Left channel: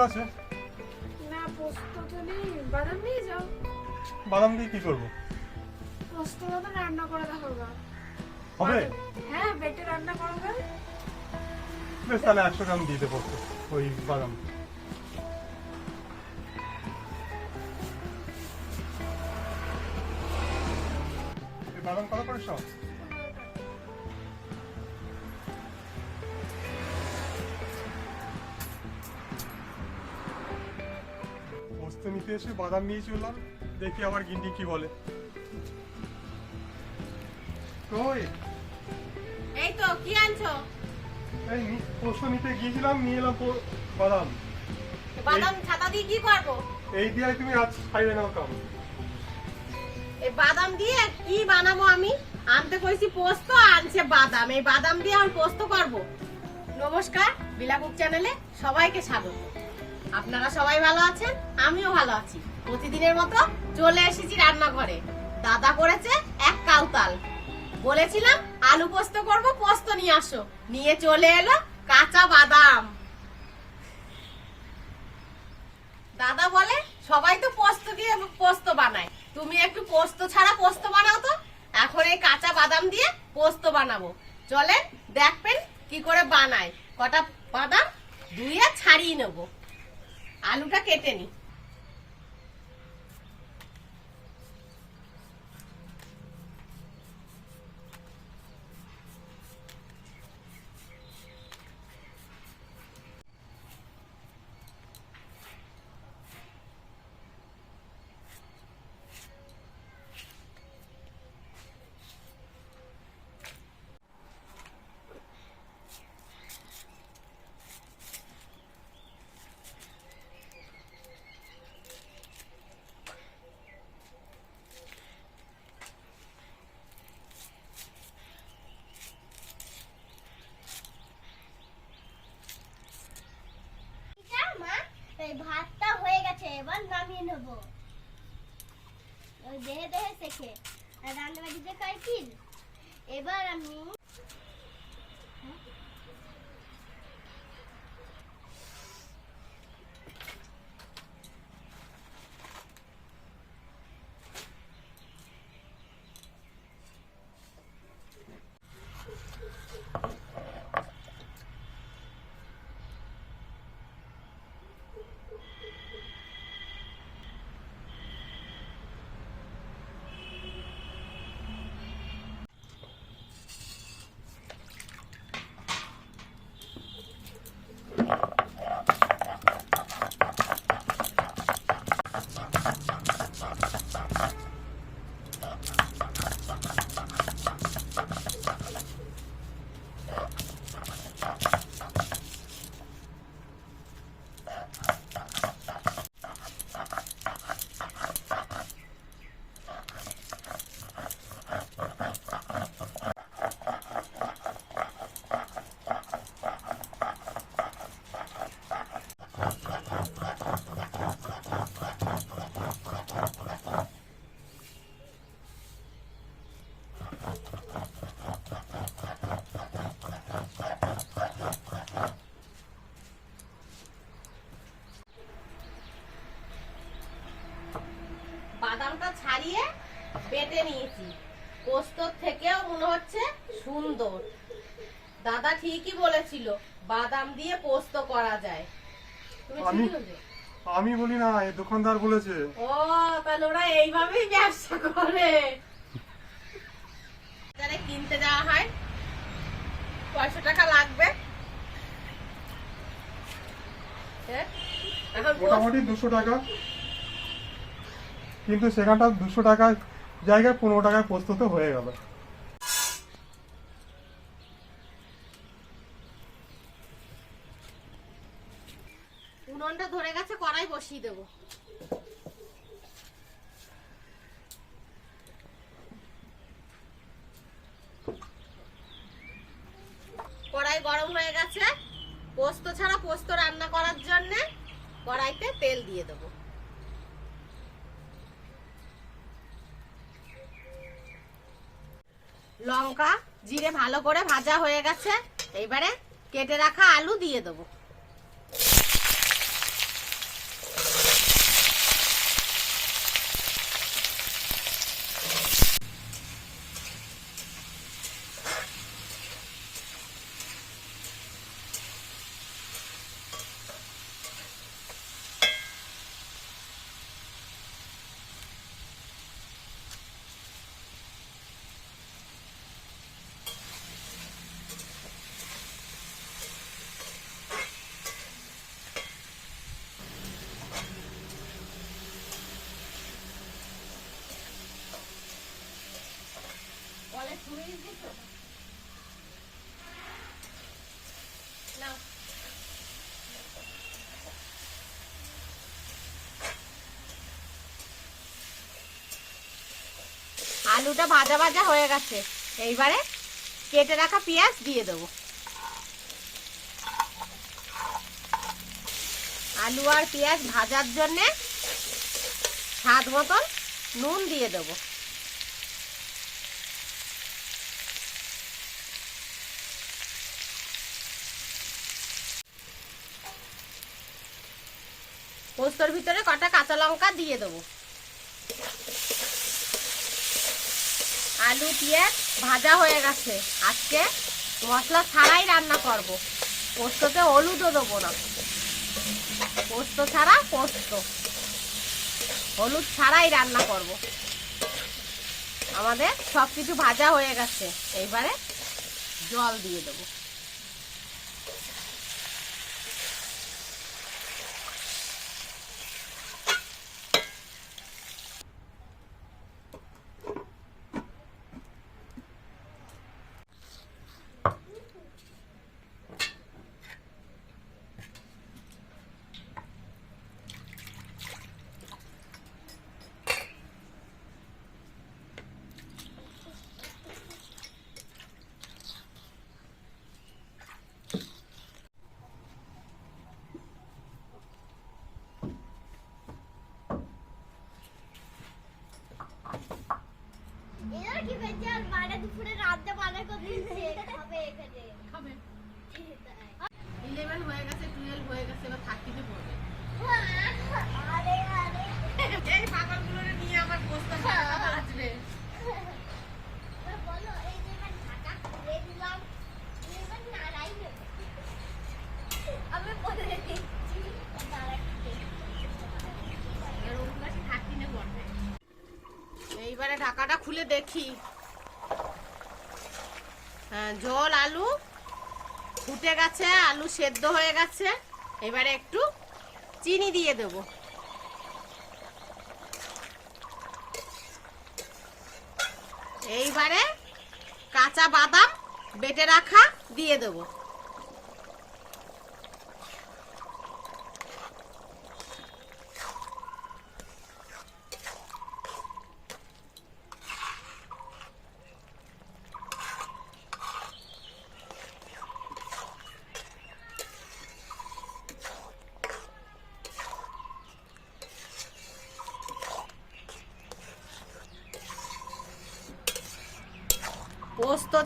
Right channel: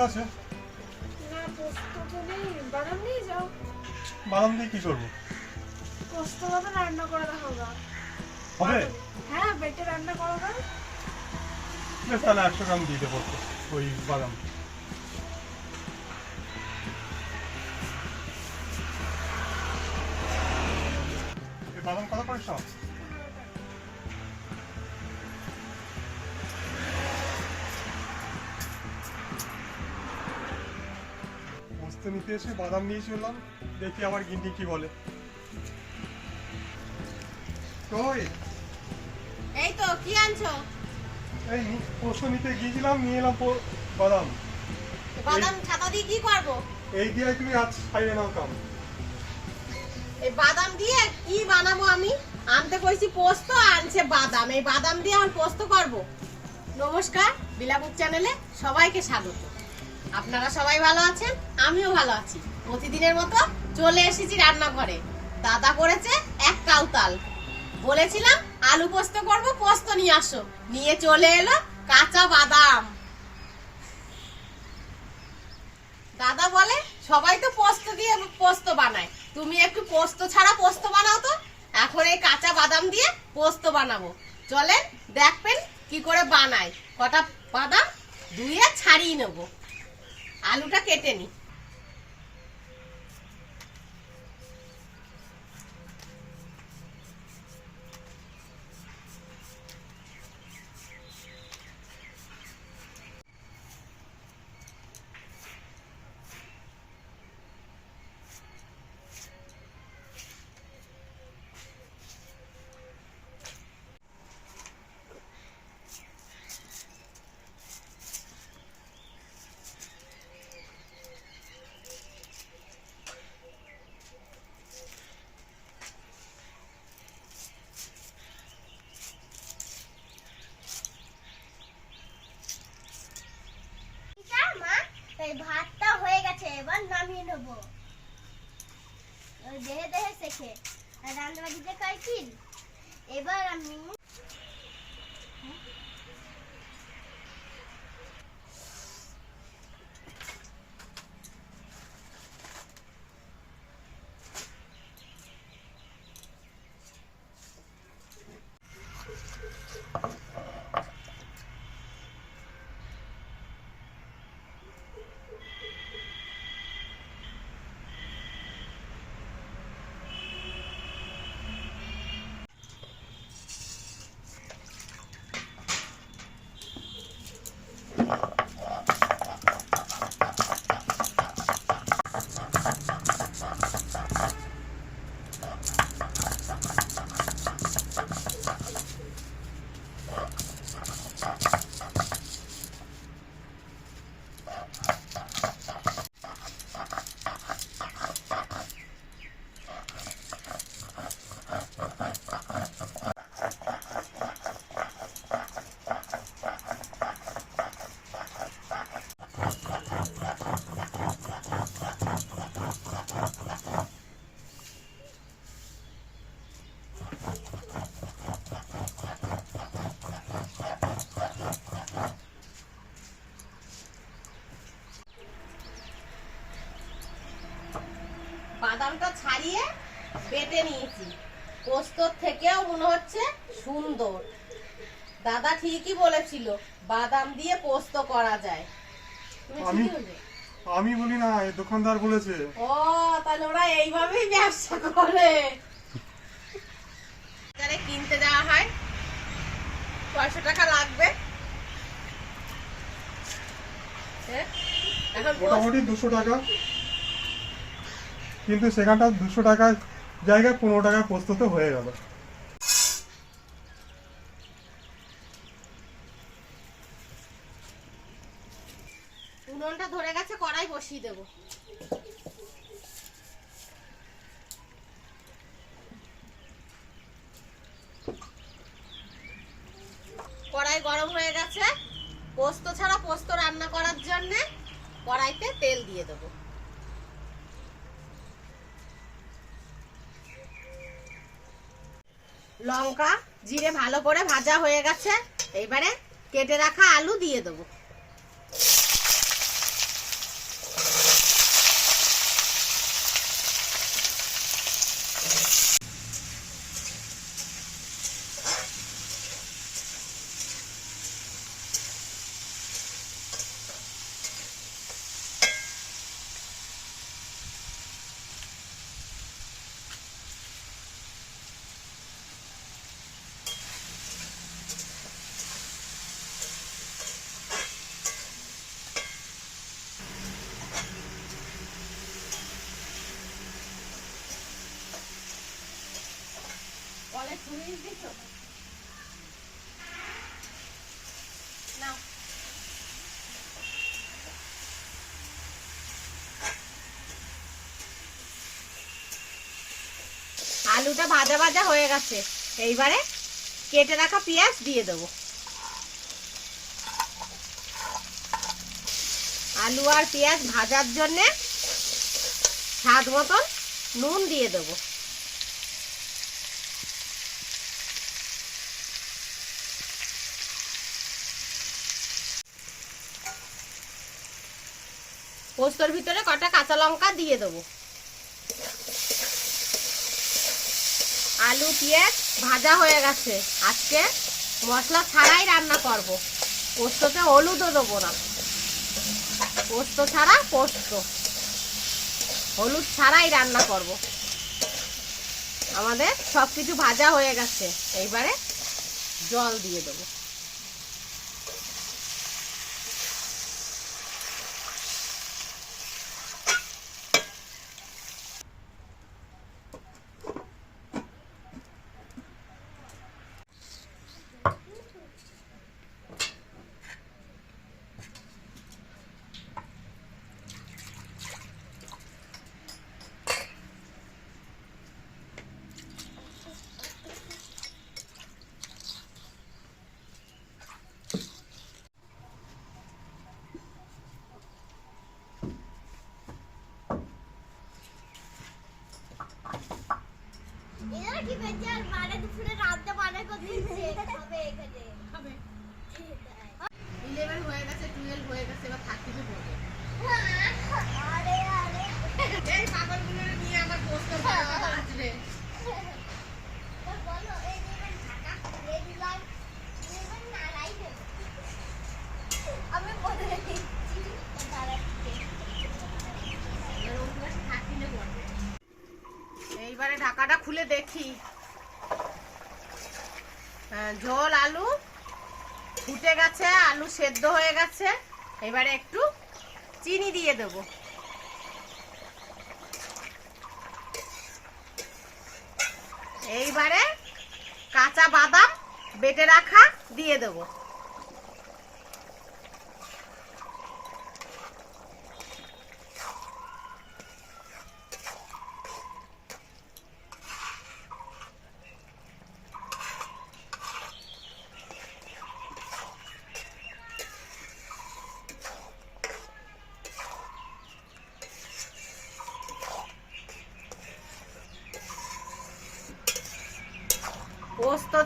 পোস্ত আছে? না পোস্ত তো নেই বাদাম নিয়ে যাও। বাদাম দিয়ে কি করব? পোস্ত হবে রান্না করে গা। হবে? হ্যাঁ বেটে রান্না করো না। বেশ তাহলে একশো গ্রাম দিয়ে দেবো ওই বাদাম। বাদাম কত করে সব? পোস্ত নিতে এসে বাদাম নিয়ে চললাম দেখি আবার গিন্ডি কি বলে। কই? এই তো কি আনছো? এই পোস্ত নিতে গিয়েছিলাম নিয়ে এলাম বাদাম। বাদাম ছাতা দিয়ে কি করব? এই দিয়ে তুমি আজ খাইবে নাও কাম। এই বাদাম দিয়ে কি বানাবো আমি? আনতে কইছি পোস্ত আনছে বাদাম। এই বাদাম দিয়ে আমি পোস্ত করব। নমস্কার বিলাকুক চ্যানেলে সবাইকে স্বাগত। আপনারা সবাই ভালো আছেন? আমিও ভালো আছি। প্রতিদিনের মতো চলে এসেছি রান্নাঘরে। দাদা করেছে এক কাউতাল। বলেছিলাম, আলু পোস্ত করব, পোস্ত নিয়ে আসো। নিয়ে চলে এলো কাঁচা বাদাম। দাদা বলে, সবাই তো পোস্ত দিয়ে পোস্ত বানায়। তুমি একটু পোস্ত ছাড়া পোস্ত বানাও তো। এখন এই কাঁচা বাদাম দিয়ে পোস্ত বানাবো। চলেন, দেখবেন কি করে বানায়। কটা বাদাম ধুয়ে ছাড়িয়ে নেব। আলুটা কেটে নি এটা মা এই ভাতটা হয়ে গেছে এবার নামিয়ে নেব। দেহে দেহে শেখে। আর রান্নাবাড়িতে খাই এবার আমি বাদামটা ছাড়িয়ে বেটে নিয়েছি। পোস্তর থেকেও মনে হচ্ছে সুন্দর। দাদা ঠিকই বলেছিল বাদাম দিয়ে পোস্ত করা যায়। আমি- আমি বলি না এই দোকানদার বলেছে। ও তাহলে ওরা এইভাবেই ব্যবসা করে। বাজারে কিনতে যাওয়া হয়। কয়শো টাকা লাগবে। হ্যাঁ? মোটামুটি দুশো টাকা। কিন্তু সেখানটা দুশো টাকার জায়গায় পনেরো টাকায় পোস্ত তো হয়ে গেল। উনুনটা ধরে গেছে, কড়াই বসিয়ে দেবো। কড়াই গরম হয়ে গেছে। পোস্ত ছাড়া পোস্ত রান্না করার জন্য কড়াইতে তেল দিয়ে দেবো। লঙ্কা জিরে ভালো করে ভাজা হয়ে গেছে। এইবারে কেটে রাখা আলু দিয়ে দেবো। আলুটা ভাজা ভাজা হয়ে গেছে। এইবারে কেটে রাখা পেঁয়াজ দিয়ে দেবো। আলু আর পেঁয়াজ ভাজার জন্যে স্বাদ মতন নুন দিয়ে দেবো। পোস্তর ভিতরে কটা কাঁচা লঙ্কা দিয়ে দেবো। আলু, পেঁয়াজ ভাজা হয়ে গেছে। আজকে মশলা ছাড়াই রান্না করব। পোস্ততে হলুদও দেবো না। পোস্ত ছাড়া পোস্ত। হলুদ ছাড়াই রান্না করব। আমাদের সব কিছু ভাজা হয়ে গেছে। এইবারে জল দিয়ে দেবো এরা কি বেঁচে আর মানে দুপুরে রান্না বান্না করতেছে হবে এখানে হবে তাই। ইলেভেন হয়ে গেছে টুয়েলভ হয়ে গেছে এবার থার্টিতে পড়বে আরে আরে এই পাগলগুলো নিয়ে আমার পোস্ত আসবে তো বলো এই যে ঢাকা খুলে দিলাম এবার নাড়াই দেবো আমি বলে দিচ্ছি দাঁড়াচ্ছি এবার রবিবার থার্টিনে পড়বে এইবারে ঢাকাটা খুলে দেখি। হ্যাঁ, ঝোল আলু ফুটে গেছে আলু সেদ্ধ হয়ে গেছে। এবারে একটু চিনি দিয়ে দেব। এইবারে কাঁচা বাদাম বেটে রাখা দিয়ে দেব।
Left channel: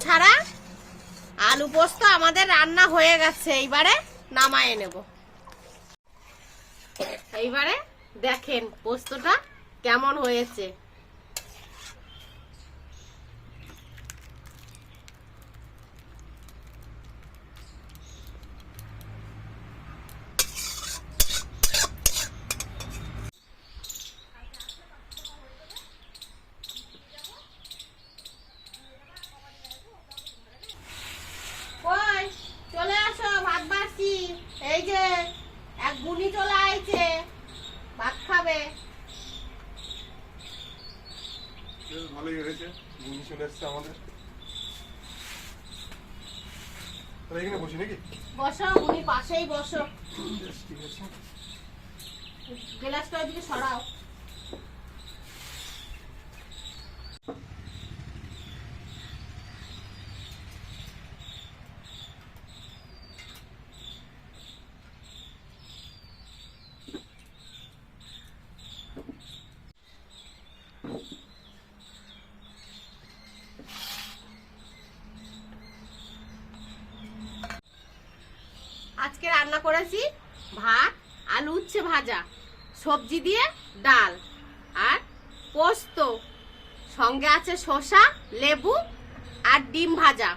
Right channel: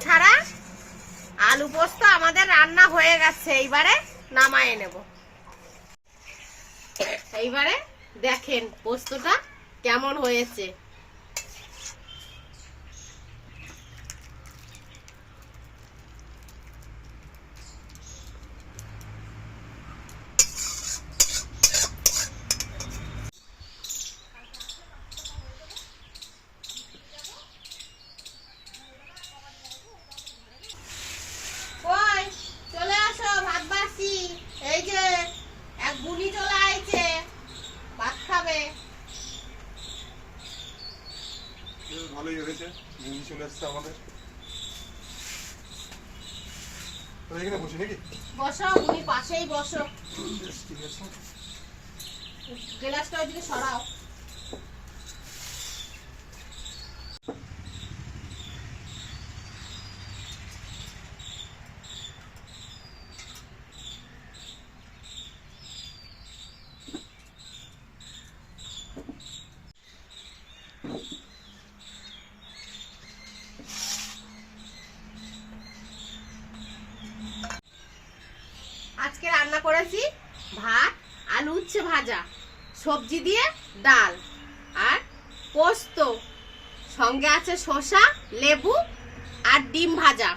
ছাড়া আলু পোস্ত আমাদের রান্না হয়ে গেছে। এইবারে নামায় নেব। এইবারে দেখেন পোস্তটা কেমন হয়েছে কই চলে আসো ভাত বাসি এই যে এক বুনি চলে আইছে ভাত খাবে বেশ ভালোই হয়েছে বুঝি চলে এসছে আমাদের। এখানে বসি নাকি? বসো বুনি পাশেই বসো। বেশ ঠিক আছে। গ্লাসটা ওইদিকে সরাও। আজকে রান্না করেছি ভাত আলু উচ্ছে ভাজা সবজি দিয়ে ডাল আর পোস্ত। সঙ্গে আছে শসা লেবু আর ডিম ভাজা।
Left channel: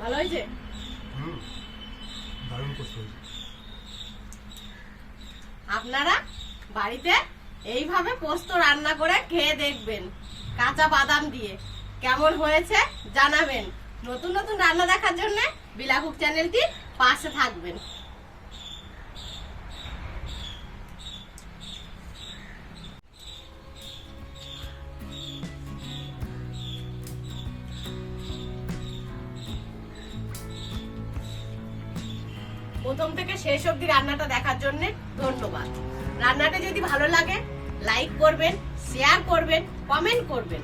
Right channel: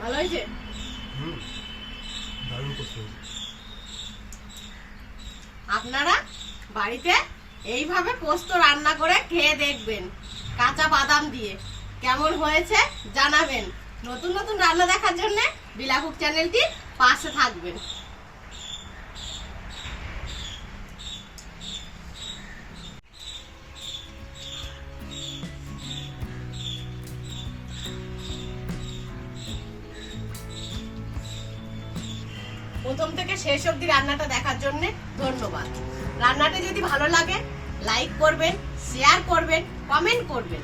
ভালো হয়েছে? হুম দারুণ করতে হয়েছে আপনারা বাড়িতে এইভাবে পোস্ত রান্না করে খেয়ে দেখবেন। কাঁচা বাদাম দিয়ে। কেমন হয়েছে জানাবেন। নতুন নতুন রান্না দেখার জন্য বিলাকুক চ্যানেলটি পাশে থাকবেন। প্রথম থেকে শেষ অব্দি রান্নাটা দেখার জন্যে ধন্যবাদ। রান্নাটা যদি ভালো লাগে লাইক করবেন শেয়ার করবেন কমেন্ট করবেন।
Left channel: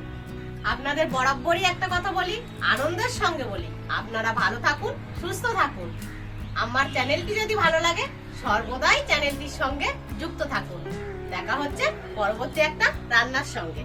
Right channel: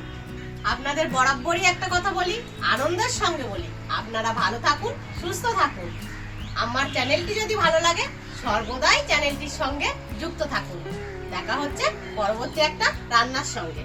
আপনাদের বরাবরই একটা কথা বলি, আনন্দের সঙ্গে বলি। আপনারা ভালো থাকুন, সুস্থ থাকুন। আমার চ্যানেলটি যদি ভালো লাগে, সর্বদাই চ্যানেলটির সঙ্গে যুক্ত থাকুন। দেখা হচ্ছে পরবর্তী একটা রান্নার সঙ্গে।